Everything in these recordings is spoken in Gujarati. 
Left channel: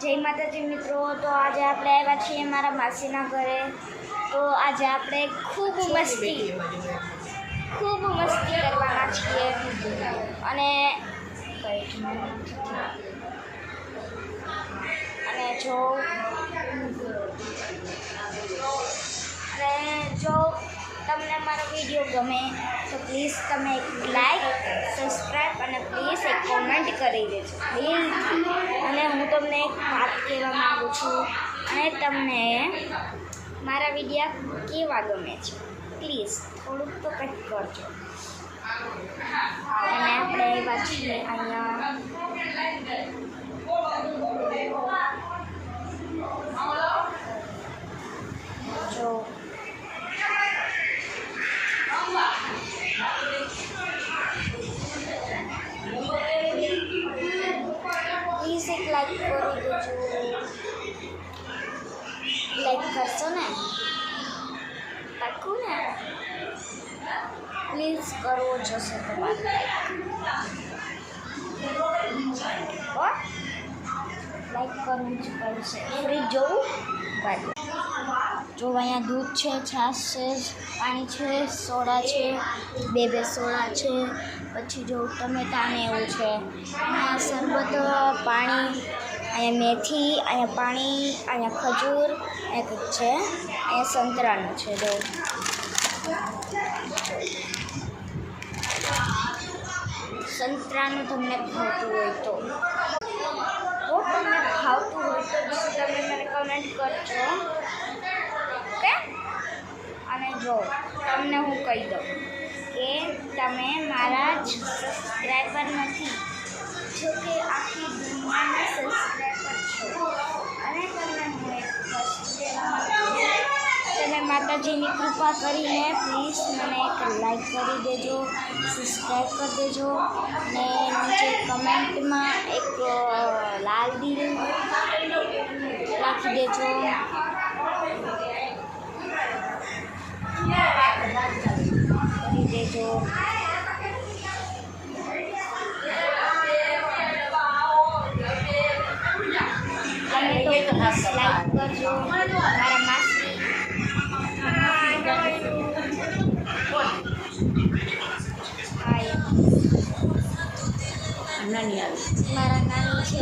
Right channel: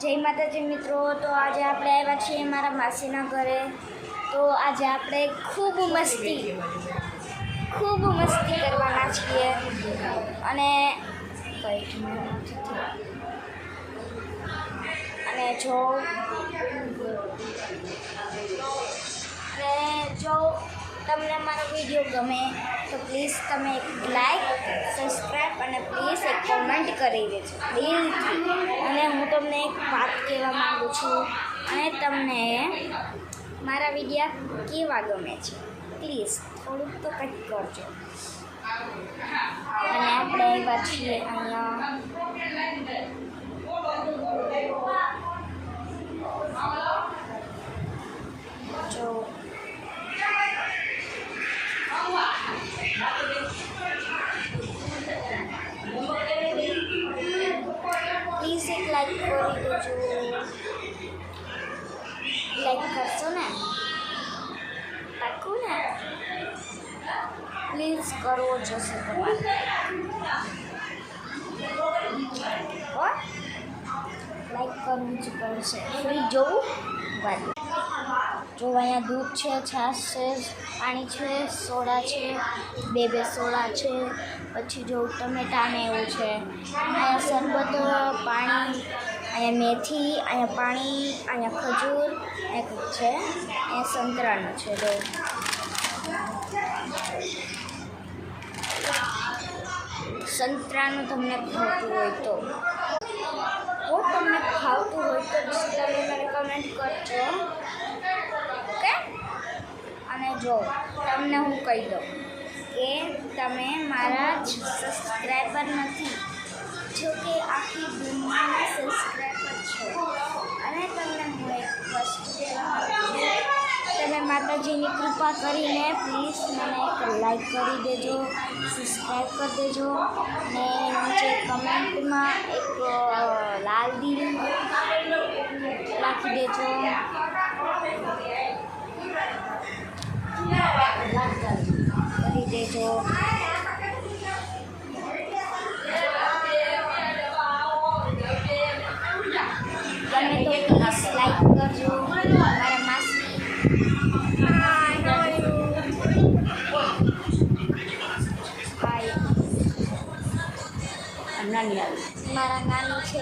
જય માતાજી મિત્રો। તો આજે આપણે આવ્યા છીએ મારા માસીના ઘરે। તો આજે આપણે ખૂબ મસ્તી કરવાના છીએ અને જો તમને મારો વિડીયો ગમે તો પ્લીઝ તમે એક લાઈક, સબસ્ક્રાઈબ અને પ્લીઝ એક કોમેન્ટ કરી દેજો પ્લીઝ। અને હું તમને એક વાત કહેવા માગું છું અને તમને મારા વિડીયો કેવા ગમે છે પ્લીઝ થોડુંક તો કંઈક કરજો। અને આપણે આવ્યા છીએ અહીંયા જો પ્લીઝ એક લાઈક કરી દેજો। લાઈક કરશો ને? પાક્કું ને? પ્લીઝ કરવો જોશે તમારે લાઈક કરવું જ પડશે। ફ્રી જોવું બાજુ જો અહીંયા દૂધ છે, છાશ છે, પાણી છે, સોડા છે, બે સોડા છે, પછી જો ટમેટા ને એવું છે, અહીંયા શરબત, પાણી, અહીંયા મેથી, અહીંયા પાણી, અહીંયા ખજૂર, એક છે, અહીંયા સંતરાનું છે। જો સંતરાનું તમને ભાવતું હોય તો તમે મને કમેન્ટ કરજો ઓકે। અને જો તમને હું કહી દઉં કે તમે મારા જ સબસ્ક્રાઈબર નથી, જો કે આખી દુનિયાના સબસ્ક્રાઈબર છો। અને તમને હું એક વસ્તુ કહેવા માગું છું, તમે માતાજીની કૃપા કરીને પ્લીઝ મને એક લાઈક કરી દેજો, સબસ્ક્રાઈબ કરી દેજો અને નીચે કમેન્ટમાં એક લાલ દિલ રાખી દેજો। કરી દેજો તમે તો પ્લીઝ લાઈક કરજો। મારા માસી હાય નાની આવી મારા નાની છે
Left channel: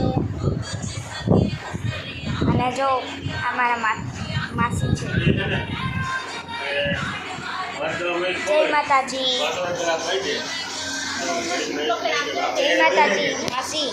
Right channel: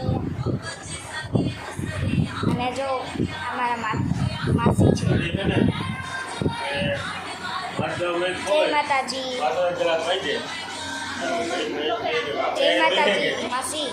અને જો અમારા માસી છે। જય માતાજી, જય માતાજી માસી।